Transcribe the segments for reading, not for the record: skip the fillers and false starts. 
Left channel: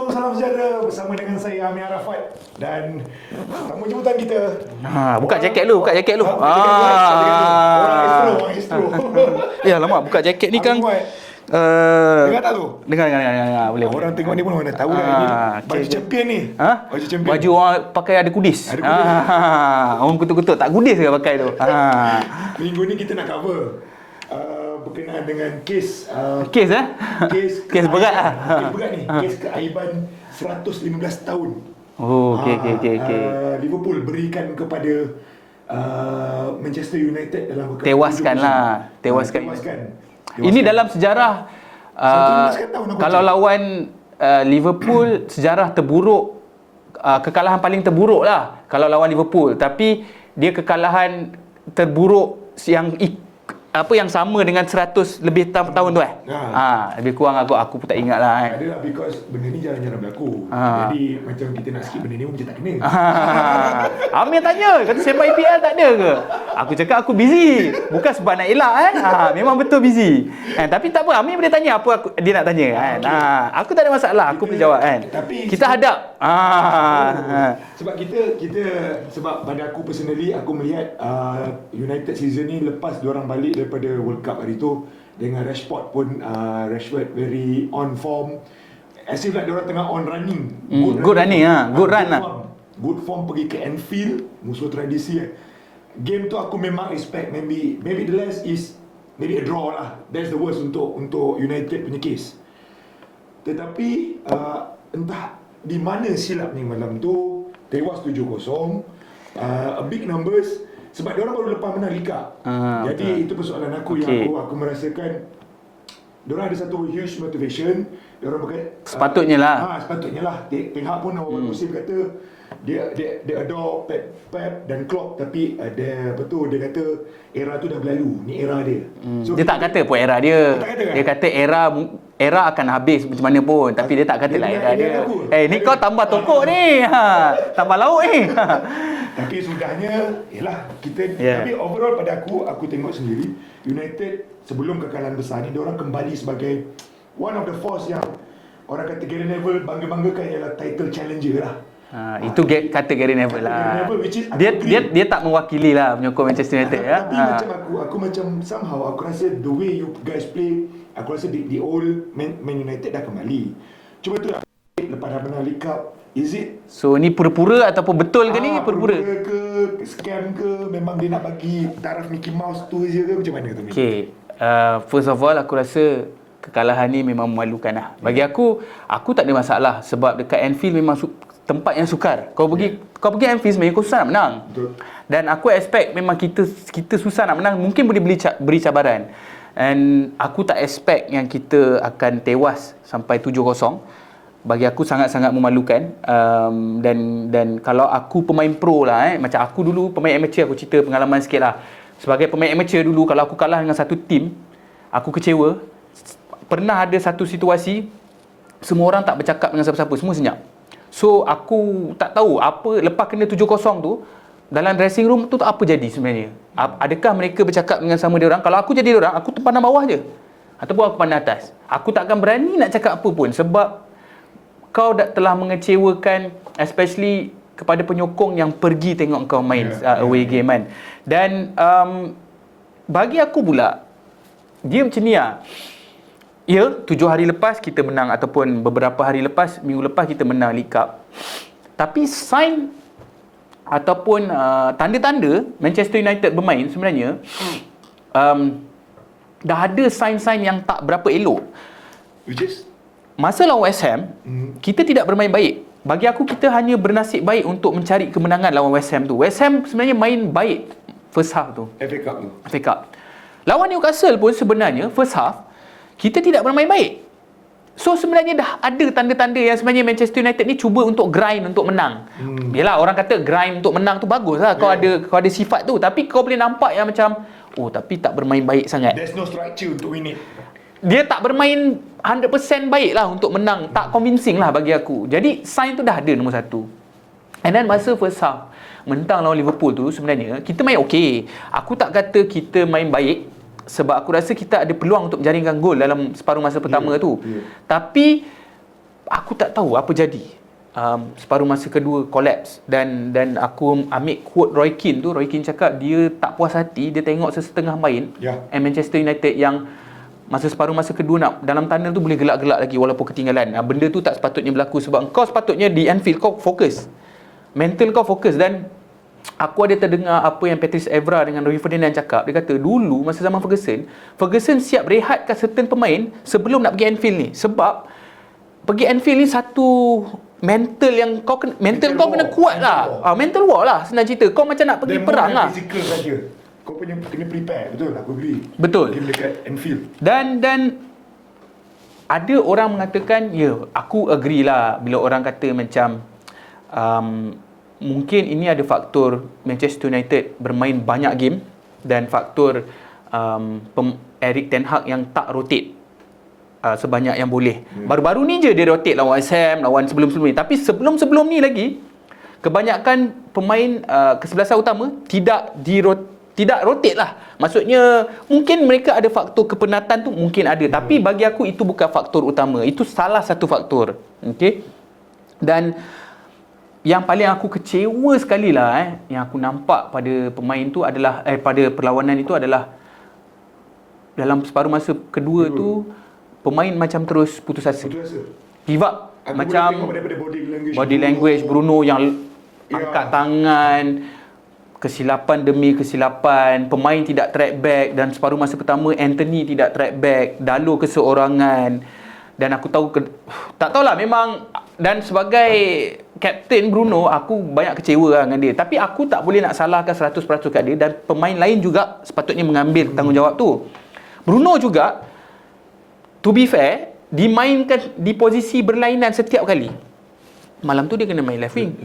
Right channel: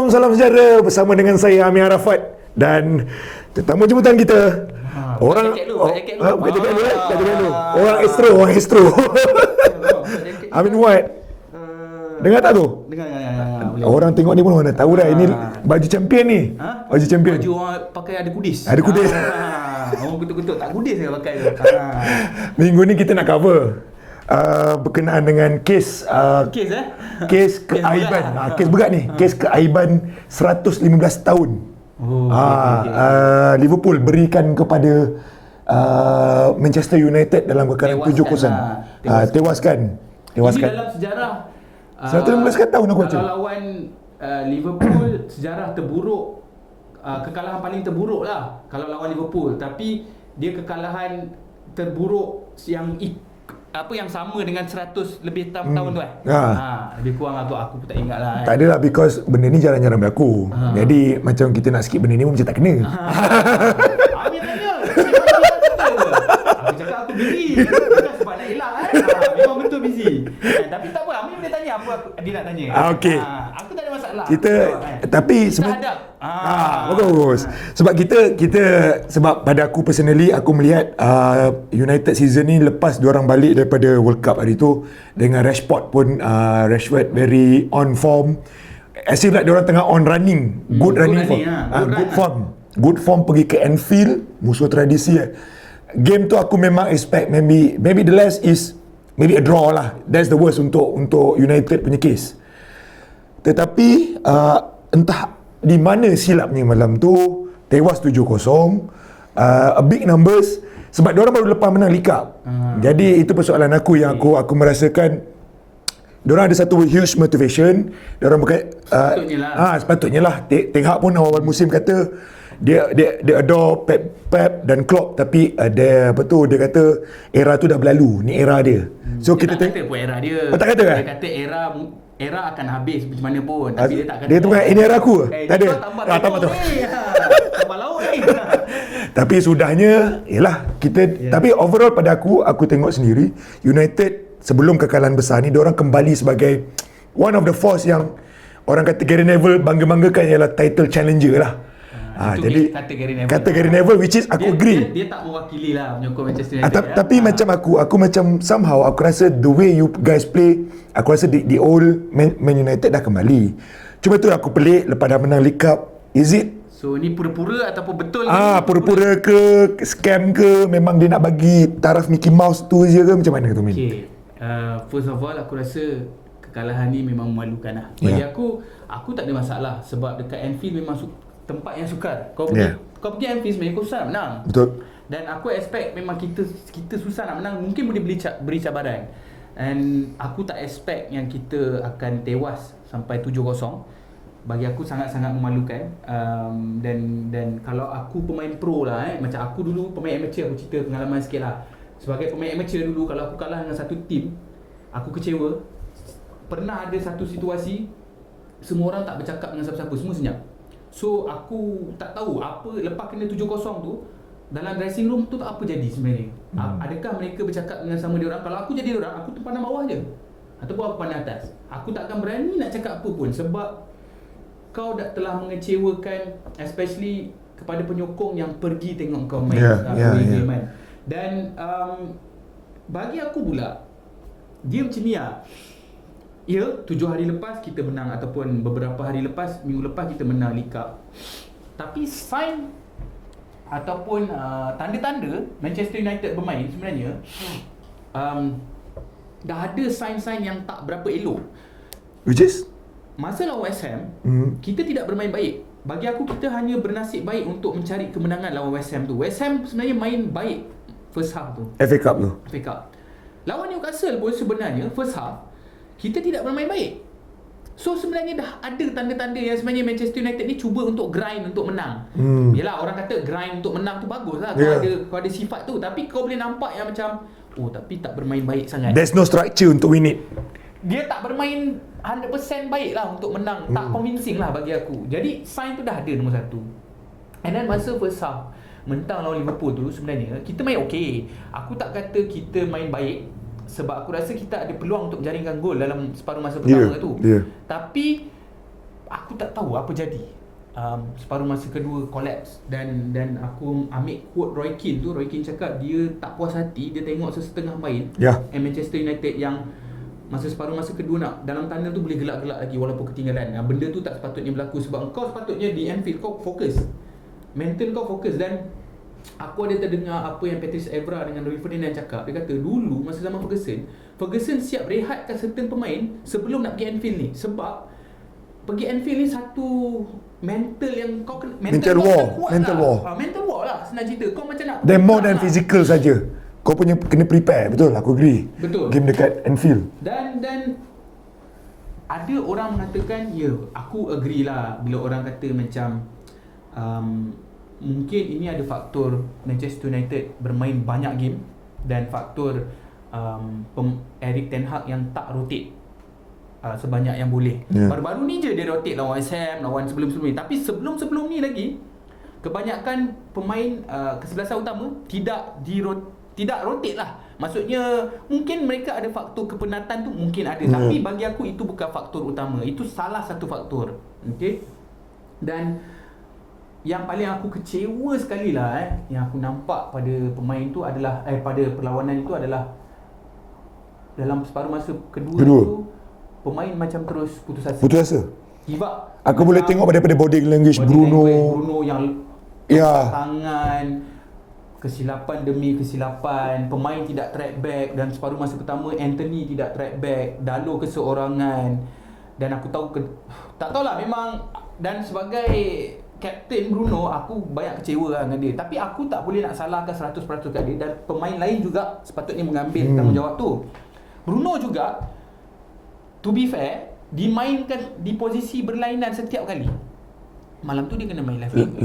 Assalamualaikum, salam sejahtera bersama dengan saya Amir Arafat dan tetamu jemputan kita. Buka jaket lu, buka jaket lu. Buka jaket lu, buka jaket lu. Orang Astro. Ya lama buka jaket ni kan. Dengar tak tu? Dengar. Boleh. Orang tengok ni pun mana tahu dah ini baju champion ni. Baju champion. Baju orang pakai ada kudis. Ada kudis. Orang kutuk-kutuk tak kudis ke pakai tu. Minggu ni kita nak cover berkenaan dengan kes Kes kes Kes berat keaiban. Kes berat ni. Kes keaiban 115 tahun. Oh, okey. Liverpool berikan kepada Manchester United dalam kekalahan 7-0. Tewaskan. Ini dalam sejarah 115 tahun aku kalau baca. lawan Liverpool sejarah terburuk, kekalahan paling terburuk lah kalau lawan Liverpool, tapi dia kekalahan terburuk yang sama dengan 100 lebih tahun tu lebih kurang aku pun tak ingat lah Tak adalah, because benda ni jarang-jarang berlaku. Jadi macam kita nak skip benda ni pun macam tak kena. Amir tanya, kata sepak IPL tak ada ke? Aku cakap aku busy. Bukan sebab nak elak memang betul busy. Tapi tak apa, Amir boleh tanya apa dia nak tanya. Okay. Aku tak ada masalah, aku jawab kan. Tapi kita hadap. Bagus. Sebab kita sebab pada aku personally, aku melihat United season ni lepas diorang balik daripada World Cup hari tu dengan Rashford pun Rashford very on form, as if like diorang tengah on running, good form pergi ke Anfield, musuh tradisi. Game tu aku memang expect maybe the last is maybe a draw lah. That's the worst untuk United punya case. Tetapi entah di mana silapnya malam tu, tewas 7-0, a big numbers. Sebab diorang baru lepas menang League Cup. Jadi itu persoalan aku yang aku merasakan diorang ada satu huge motivation. Diorang bukan sepatutnya lah. Ten Hag pun awal musim kata dia adore Pep dan Klopp, tapi dia kata era tu dah berlalu, ni era dia. So dia tak kata pun era dia. Tak kata kan? Dia kata era akan habis macam mana pun, tapi dia tak kata dia tu kan ini era aku. Ni kau tambah tepuk ni. Tambah lauk ni. Tapi sudahnya ialah kita tapi overall pada aku tengok sendiri United sebelum kekalahan besar ni diorang kembali sebagai one of the force yang orang kata Gary Neville bangga-banggakan ialah title challenger lah. Itu kata Gary Neville. Kata Gary Neville, which is aku agree. Dia tak mewakili lah penyokong Manchester United. Tapi macam aku macam somehow aku rasa the way you guys play, aku rasa the old Man United dah kembali. Cuma tu aku pelik lepas dah menang League Cup. Is it? So ni pura-pura ataupun betul ke ni? Pura-pura ke, scam ke, memang dia nak bagi taraf Mickey Mouse tu je ke, macam mana tu? Okay. First of all, aku rasa kekalahan ni memang memalukan lah. Bagi aku tak ada masalah sebab dekat Anfield memang tempat yang sukar. Kau pergi Anfield sebenarnya kau susah nak menang. Betul. Dan aku expect memang kita susah nak menang, mungkin boleh beri cabaran. And aku tak expect yang kita akan tewas sampai 7-0. Bagi aku sangat-sangat memalukan. Dan kalau aku pemain pro lah, macam aku dulu pemain amateur, aku cerita pengalaman sikit lah. Sebagai pemain amateur dulu, kalau aku kalah dengan satu tim, aku kecewa. Pernah ada satu situasi semua orang tak bercakap dengan siapa-siapa, semua senyap. So aku tak tahu apa lepas kena 7-0 tu dalam dressing room tu apa jadi sebenarnya. Adakah mereka bercakap dengan sama dia orang? Kalau aku jadi dia orang, aku pandang bawah je ataupun aku pandang atas. Aku takkan berani nak cakap apa pun sebab kau telah mengecewakan, especially kepada penyokong yang pergi tengok kau main away game kan. Dan bagi aku pula dia macam ni lah. Ya, 7 hari lepas kita menang ataupun beberapa hari lepas, minggu lepas kita menang League Cup. Tapi sign ataupun tanda-tanda Manchester United bermain sebenarnya dah ada sign-sign yang tak berapa elok. Which is? Masa lawan West Ham, kita tidak bermain baik. Bagi aku kita hanya bernasib baik untuk mencari kemenangan lawan West Ham tu. West Ham sebenarnya main baik first half tu. FA Cup tu. FA Cup. Lawan Newcastle pun sebenarnya first half kita tidak bermain baik. So sebenarnya dah ada tanda-tanda yang sebenarnya Manchester United ni cuba untuk grind untuk menang. Yalah, orang kata grind untuk menang tu bagus lah. Kau ada sifat tu. Tapi kau boleh nampak yang macam tapi tak bermain baik sangat. There's no structure untuk win it. Dia tak bermain 100% baik lah untuk menang. Tak convincing lah bagi aku. Jadi sign tu dah ada nombor satu. And then masa first half mentang lawan Liverpool tu sebenarnya kita main okey. Aku tak kata kita main baik sebab aku rasa kita ada peluang untuk menjaringkan gol dalam separuh masa pertama tu. Tapi aku tak tahu apa jadi. Separuh masa kedua collapse, dan aku ambil quote Roy Keane tu. Roy Keane cakap dia tak puas hati, dia tengok sesetengah main Manchester United yang separuh masa kedua nak dalam tandang tu boleh gelak-gelak lagi walaupun ketinggalan. Benda tu tak sepatutnya berlaku, sebab kau sepatutnya di Anfield kau fokus, mental kau fokus. Dan aku ada terdengar apa yang Patrice Evra dengan Rio Ferdinand cakap. Dia kata dulu masa zaman Ferguson siap rehatkan certain pemain sebelum nak pergi Anfield ni, sebab pergi Anfield ni satu mental yang kau mental kau kena kuat lah. Mental war lah senang cerita. Kau macam nak pergi more perang than lah. physical saja. Kau punya kena prepare. Betul, aku agree. Betul. Game dekat Anfield. Dan ada orang mengatakan, aku agree lah bila orang kata macam mungkin ini ada faktor Manchester United bermain banyak game dan faktor Erik ten Hag yang tak rotate sebanyak yang boleh. Baru-baru ni je dia rotate lawan West Ham, lawan sebelum-sebelum ni. Tapi sebelum-sebelum ni lagi, kebanyakan pemain kesebelasan utama tidak rotate lah. Maksudnya mungkin mereka ada faktor kepenatan tu, mungkin ada. Tapi bagi aku itu bukan faktor utama. Itu salah satu faktor. Okay? Dan yang paling aku kecewa sekali lah yang aku nampak pada pemain tu adalah pada perlawanan itu adalah dalam separuh masa kedua tu pemain macam terus putus asa. Give up. Aku boleh tengok daripada body language Bruno yang angkat tangan, kesilapan demi kesilapan, pemain tidak track back. Dan separuh masa pertama Anthony tidak track back, Dalot keseorangan. Dan aku tahu tak tahulah memang, dan sebagai kapten Bruno aku banyak kecewa dengan dia. Tapi aku tak boleh nak salahkan 100% kat dia, dan pemain lain juga sepatutnya mengambil tanggungjawab tu. Bruno juga, to be fair, dimainkan di posisi berlainan setiap kali. Malam tu dia kena main left wing.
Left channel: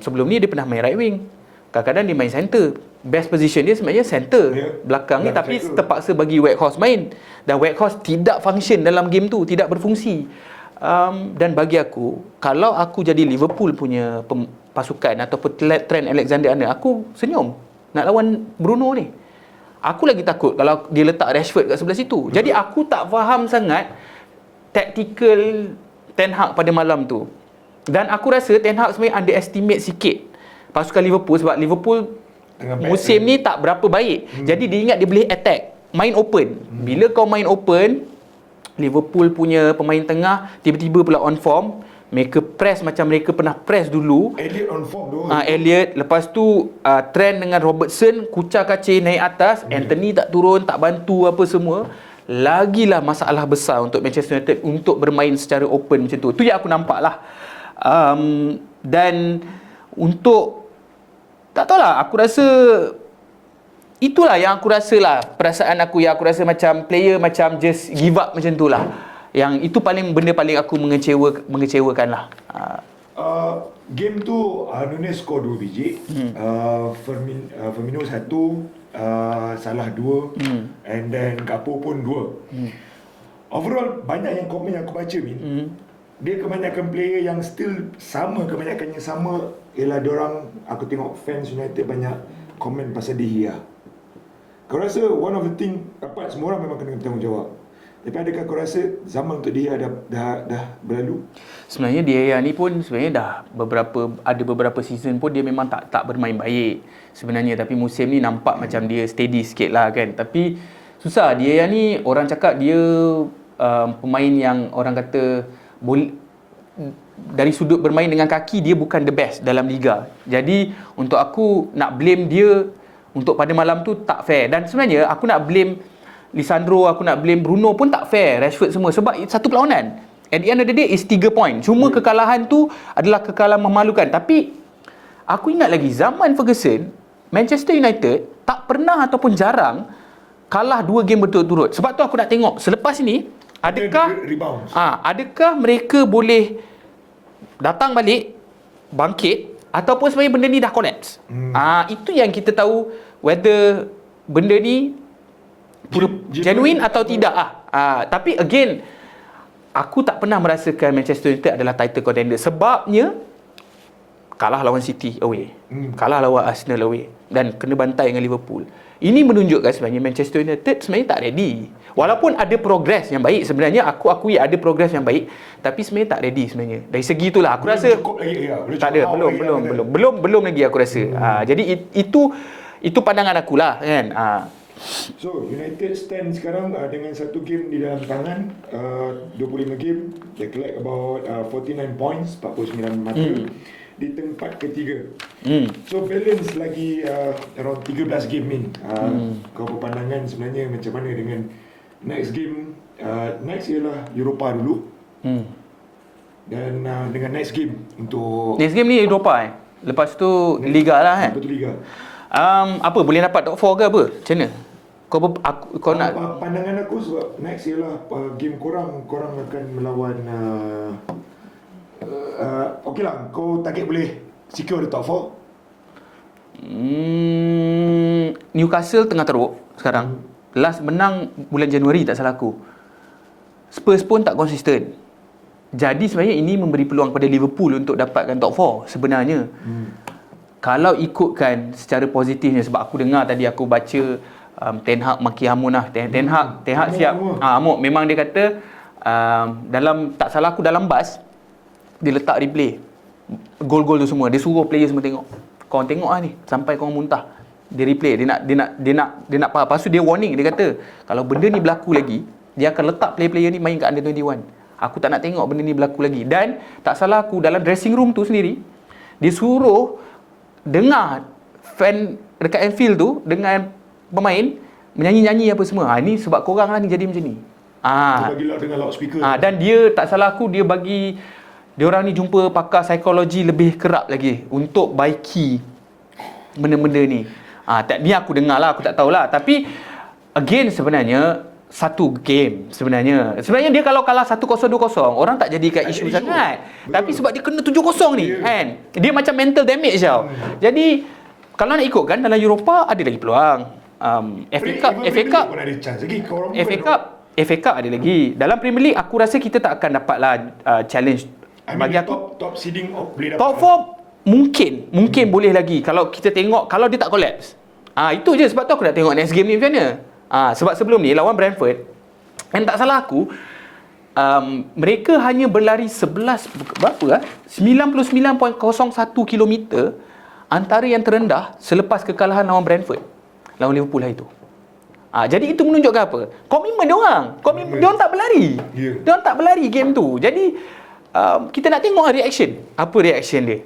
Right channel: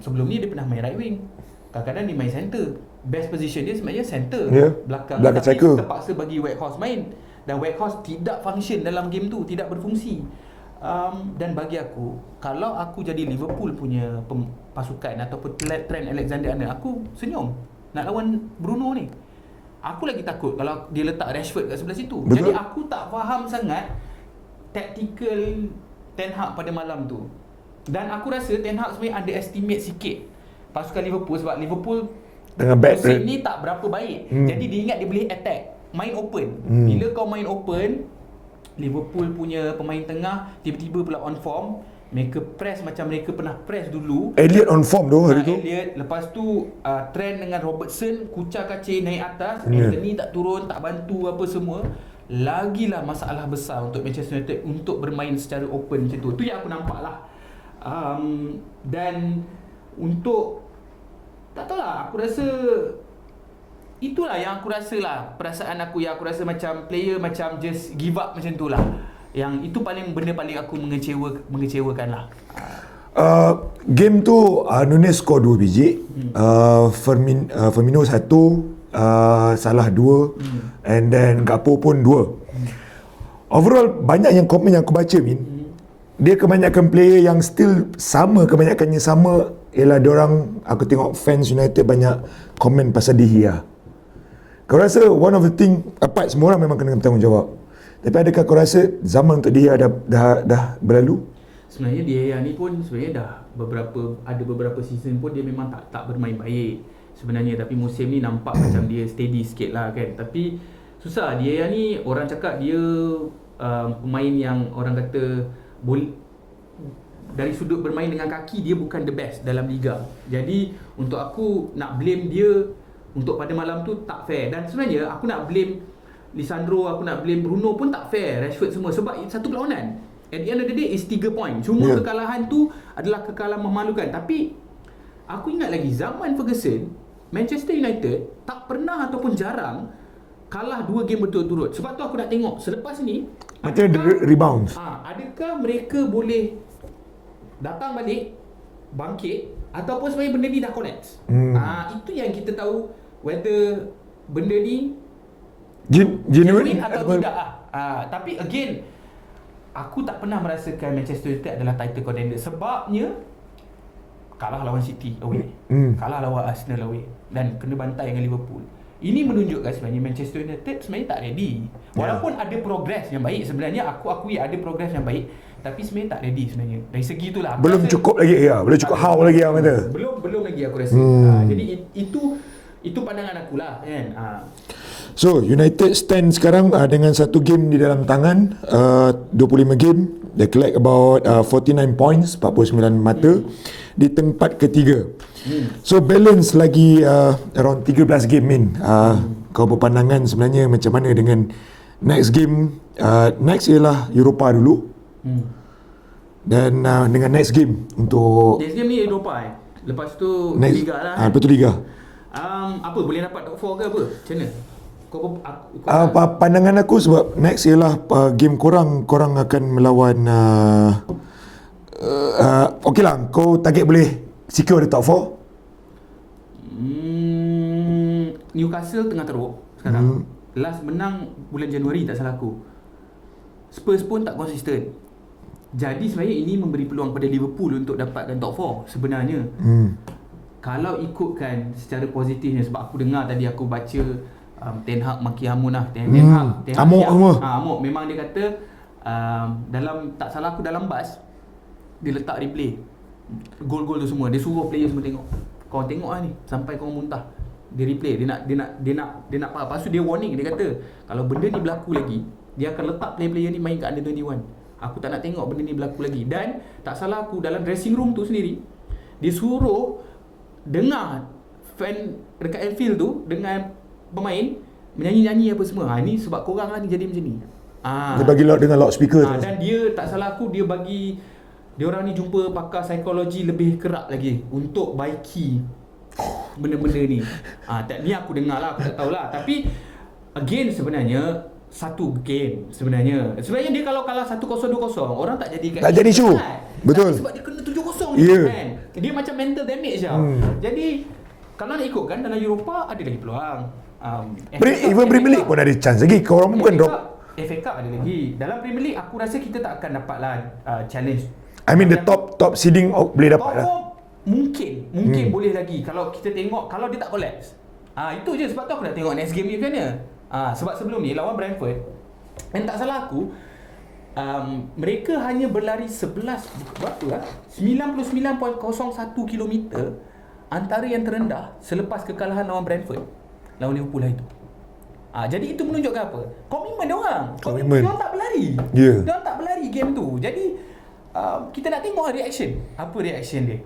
Sebelum ni dia pernah main right wing. Kadang-kadang dia main center. Best position dia sebenarnya center, belakang tapi cycle. Terpaksa bagi Weghorst main. Dan Weghorst tidak function dalam game tu, tidak berfungsi. Dan bagi aku, kalau aku jadi Liverpool punya pasukan ataupun Trent Alexander-Arnold, aku senyum nak lawan Bruno ni. Aku lagi takut kalau dia letak Rashford kat sebelah situ. Betul. Jadi aku tak faham sangat tactical Ten Hag pada malam tu. Dan aku rasa Ten Hag sebenarnya underestimate sikit pasukan Liverpool, sebab Liverpool musim ni tak berapa baik. Jadi dia ingat dia boleh attack, main open. Bila kau main open, Liverpool punya pemain tengah tiba-tiba pula on form. Mereka press macam mereka pernah press dulu. Elliot on form tu. Elliot. Lepas tu Trent dengan Robertson kucar kacir naik atas. Anthony tak turun, tak bantu apa semua. Lagilah masalah besar untuk Manchester United untuk bermain secara open macam tu. Tu yang aku nampak lah. Dan untuk, tak tahulah, aku rasa itulah yang aku rasa lah, perasaan aku yang aku rasa macam player macam just give up macam tu lah. Yang itu benda paling aku mengecewakan lah. Game tu Nunez score 2 biji, Firmino 1, Salah 2, and then Gakpo pun 2. Overall banyak yang komen yang aku baca, dia kebanyakan player yang still sama, kebanyakannya sama ialah diorang, aku tengok fans United banyak komen pasal De Gea. Kau rasa one of the thing, apart semua orang memang kena bertanggungjawab, tapi adakah kau rasa zaman untuk dia dah berlalu? Sebenarnya dia ni pun sebenarnya dah ada beberapa season pun dia memang tak bermain baik sebenarnya, tapi musim ni nampak macam dia steady sikit lah kan. Tapi susah, dia ni orang cakap dia pemain yang orang kata dari sudut bermain dengan kaki dia bukan the best dalam liga. Jadi untuk aku nak blame dia untuk pada malam tu tak fair. Dan sebenarnya aku nak blame Lisandro, aku nak blame Bruno pun tak fair, Rashford semua, sebab satu perlawanan. At the end of the day is 3 point. Cuma kekalahan tu adalah kekalahan memalukan. Tapi aku ingat lagi zaman Ferguson, Manchester United tak pernah ataupun jarang kalah 2 game berturut-turut. Sebab tu aku nak tengok selepas ini adakah mereka boleh datang balik, bangkit, ataupun sebenarnya benda ni dah collapse. Itu yang kita tahu whether benda ni genuine atau tidak. Tapi again, aku tak pernah merasakan Manchester United adalah title contender. Sebabnya kalah lawan City away, kalah lawan Arsenal away dan kena bantai dengan Liverpool. Ini menunjukkan sebenarnya Manchester United sebenarnya tak ready. Walaupun ada progres yang baik, sebenarnya aku akui ada progres yang baik, tapi sebenarnya tak ready sebenarnya. Dari segi itulah aku belum rasa cukup lagi belum cukup how lagi belum lagi aku rasa. Jadi itu pandangan akulah kan. So United stand sekarang dengan satu game di dalam tangan, 25 game, they collect about 49 points, 49 mata di tempat ketiga. So balance lagi around 13 game min. Kau berpandangan sebenarnya macam mana dengan next game? Next ialah Europa dulu. Dan dengan next game untuk next game ni Europa lepas tu next, Liga lah kan. Lepas tu Liga. Apa boleh dapat top 4 ke apa? Macam mana? Kau nak pandangan aku sebab next ialah game korang akan melawan okey lah, kau target boleh secure the top 4. Newcastle tengah teruk sekarang. Last menang bulan Januari tak salah aku. Spurs pun tak konsisten. Jadi sebenarnya ini memberi peluang pada Liverpool untuk dapatkan top 4 sebenarnya. Kalau ikutkan secara positifnya, sebab aku dengar tadi, aku baca Ten Hag maki Hamun lah. Ten Hag siap. Amuk. Memang dia kata dalam, tak salah aku, dalam bas dia letak replay gol-gol tu semua. Dia suruh player semua tengok. Korang tengok lah ni sampai korang muntah. Dia replay, dia nak faham. Lepas tu dia warning, dia kata kalau benda ni berlaku lagi, dia akan letak player-player ni main kat Under 21. Aku tak nak tengok benda ni berlaku lagi. Dan tak salah aku, dalam dressing room tu sendiri, dia suruh dengar fan dekat Anfield tu dengan pemain menyanyi-nyanyi apa semua. Ini sebab korang lah ni jadi macam ni. Dia bagi dengan loudspeaker. Dan dia, tak salah aku, dia bagi diorang ni jumpa pakar psikologi lebih kerap lagi untuk baiki benda-benda ni. Ni aku dengar lah, aku tak tahulah. Tapi again sebenarnya satu game sebenarnya dia kalau kalah 1-0 2-0 orang tak jadikan isu sangat. Tapi sebab dia kena 7-0 ni kan. Dia macam mental damage tau. Jadi kalau nak ikut kan, dalam Europa ada lagi peluang. Premier League pun ada chance lagi. Korang bukan FA Cup ada lagi. Dalam Premier League aku rasa kita tak akan dapatlah challenge. I mean the top seeding boleh dapat. Top 4 mungkin boleh lagi kalau kita tengok, kalau dia tak collapse. Itu je sebab tu aku nak tengok next game ni macam mana. Sebab sebelum ni lawan Brentford, yang tak salah aku, mereka hanya berlari 99.01 km antara yang terendah selepas kekalahan lawan Brentford lawan Liverpool hari itu. Jadi itu menunjukkan apa? Komitmen diorang tak berlari. Diorang tak berlari game tu. Jadi kita nak tengok reaction. Apa reaction dia?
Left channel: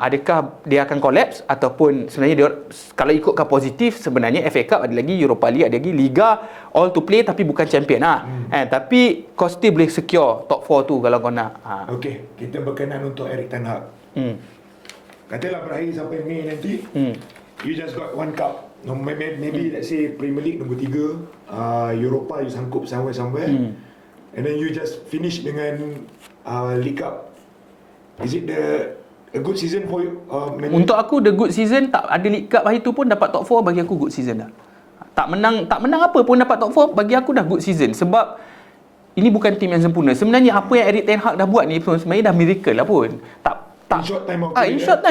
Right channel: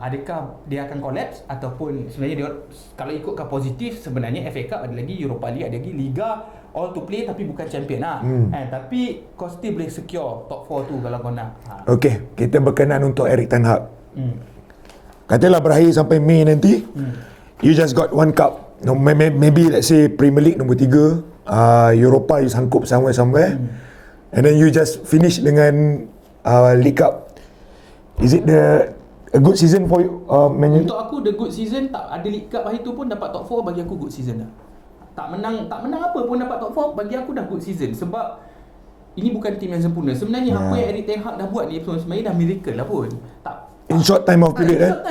Adakah dia akan collapse ataupun sebenarnya dia, kalau ikutkan positif, sebenarnya FA Cup ada lagi, Europa League ada lagi, Liga all to play tapi bukan champion tapi kau still boleh secure top 4 tu kalau kau nak. Okey, kita berkenan untuk Erik ten Hag. Katalah berakhir sampai Mei nanti, you just got one cup. No, maybe let's say Premier League nombor 3, Europa you sangkup somewhere, and then you just finish dengan League Cup. Is it a good season for you? Untuk aku the good season, tak ada League Cup hari tu pun dapat top 4 bagi aku good season dah. Tak menang apa pun dapat top 4 bagi aku dah good season. Sebab ini bukan tim yang sempurna. Sebenarnya apa yang Erik ten Hag dah buat ni sebenarnya dah miracle lah pun. In short time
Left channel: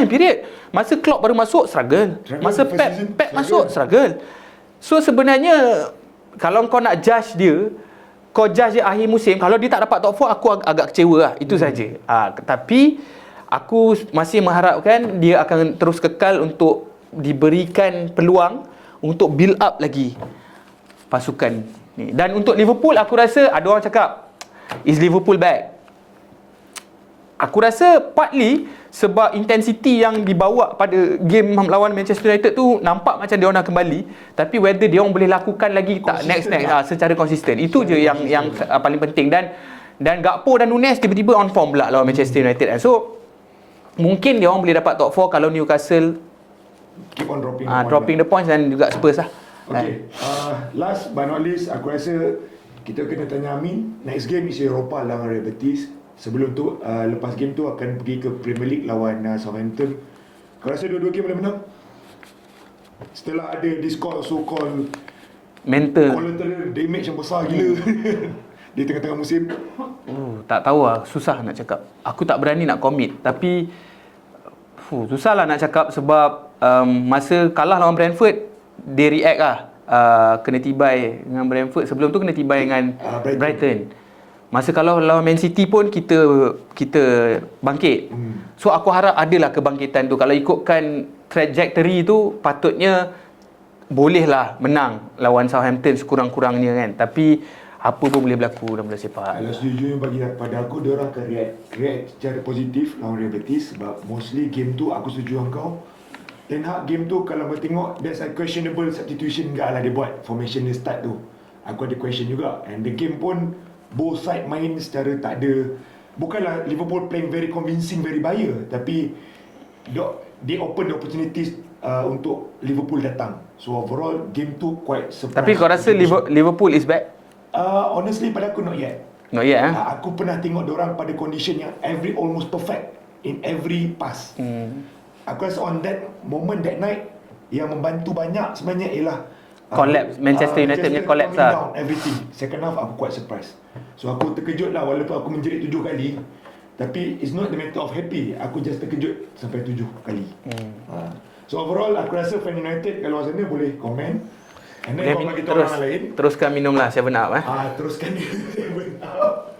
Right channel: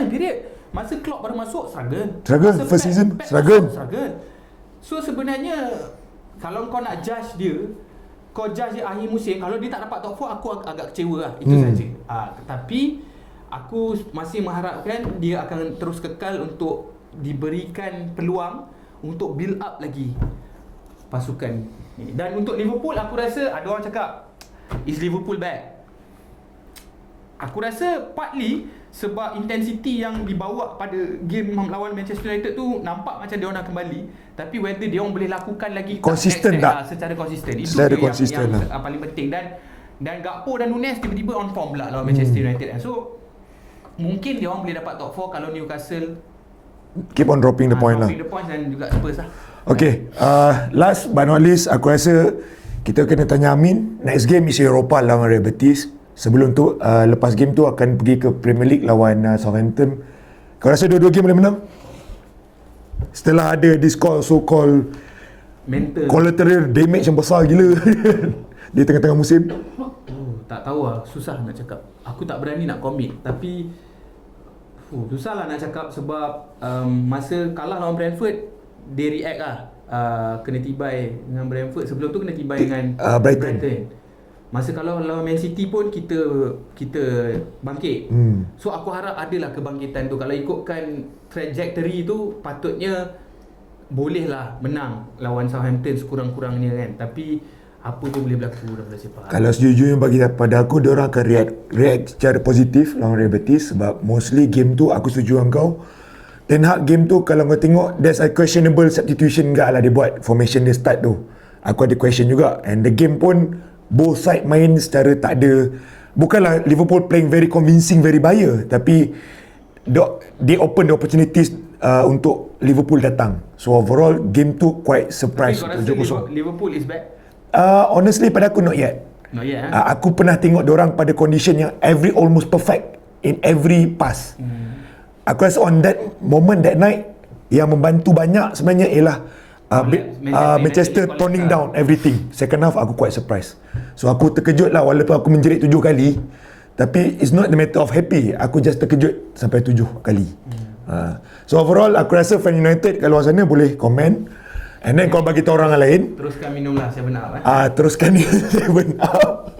period. Masa Klopp baru masuk struggle. Masa first season Pep masuk struggle. So sebenarnya kalau kau nak judge dia, kau judge dia akhir musim, kalau dia tak dapat top 4 aku agak kecewa lah. Itu saja. Tapi aku masih mengharapkan dia akan terus kekal untuk diberikan peluang untuk build up lagi pasukan ni. Dan untuk Liverpool, aku rasa ada orang cakap, is Liverpool back? Aku rasa partly sebab intensity yang dibawa pada game lawan Manchester United tu nampak macam dia orang nak kembali, tapi whether dia orang boleh lakukan lagi konsisten secara konsisten, itu dia yang paling penting. Dan Gakpo dan Nunes tiba-tiba on form pula lawan Manchester United. So mungkin dia orang boleh dapat top 4 kalau Newcastle keep on dropping the points dan juga Spurs lah. Okay, last but not least, aku rasa kita kena tanya Amin. Next game is Europa lawan Real Betis. Sebelum tu, lepas game tu akan pergi ke Premier League lawan Southampton. Kau rasa dua-dua game boleh menang? Setelah ada this so-called mental collateral damage yang besar gila di tengah-tengah musim. Tak tahu lah, susah nak cakap. Aku tak berani nak commit. Tapi Susah lah nak cakap sebab masa kalah lawan Brentford, dia react lah. Kena tibai dengan Brentford. Sebelum tu kena tibai dengan Brighton. Masa kalau lawan Man City pun kita bangkit. So aku harap adalah kebangkitan tu. Kalau ikutkan trajectory tu, patutnya bolehlah menang lawan Southampton sekurang-kurangnya kan. Tapi apa pun boleh berlaku dalam bola sepak. Kalau sejujurnya bagi pada aku, diorang akan react secara positif lawan Real Betis sebab mostly game tu aku setuju dengan kau. Ten Hag game tu kalau kau tengok there's a questionable substitution enggak lah dia buat formation dia start tu. Aku ada question juga, and the game pun both side main secara tak ada, bukanlah Liverpool playing very convincing, very bias, tapi they open the opportunities untuk Liverpool datang. So overall game tu quite surprise. Tapi kau rasa Liverpool is back? Honestly pada aku not yet. Not yet Aku pernah tengok diorang pada condition yang almost perfect in every pass. Aku rasa on that moment, that night, yang membantu banyak sebenarnya ialah Manchester toning down everything. Second half aku quite surprised. So aku terkejut lah walaupun aku menjerit 7 kali. Tapi it's not the matter of happy. Aku just terkejut sampai 7 kali. So overall aku rasa fan United kat luar sana boleh komen. And then kau bagi tahu orang lain. Teruskan minumlah 7-Up teruskan ni 7-Up.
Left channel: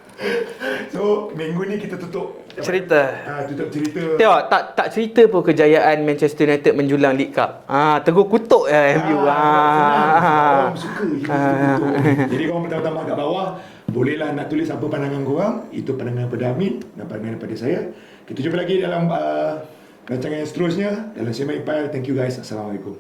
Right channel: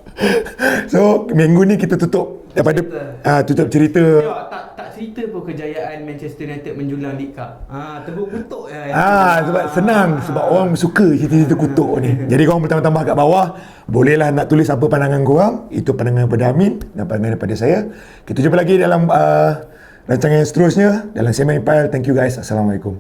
So minggu ni kita tutup tutup cerita. Tengok tak cerita pun kejayaan Manchester United menjulang League Cup. Tegur kutuk sebab senang, sebab orang suka cerita kutuk ni. Jadi korang bertambah-tambah kat bawah, bolehlah nak tulis apa pandangan korang. Itu pandangan daripada Amin dan pandangan daripada saya. Kita jumpa lagi dalam rancangan yang seterusnya dalam Sema Empire. Thank you guys. Assalamualaikum.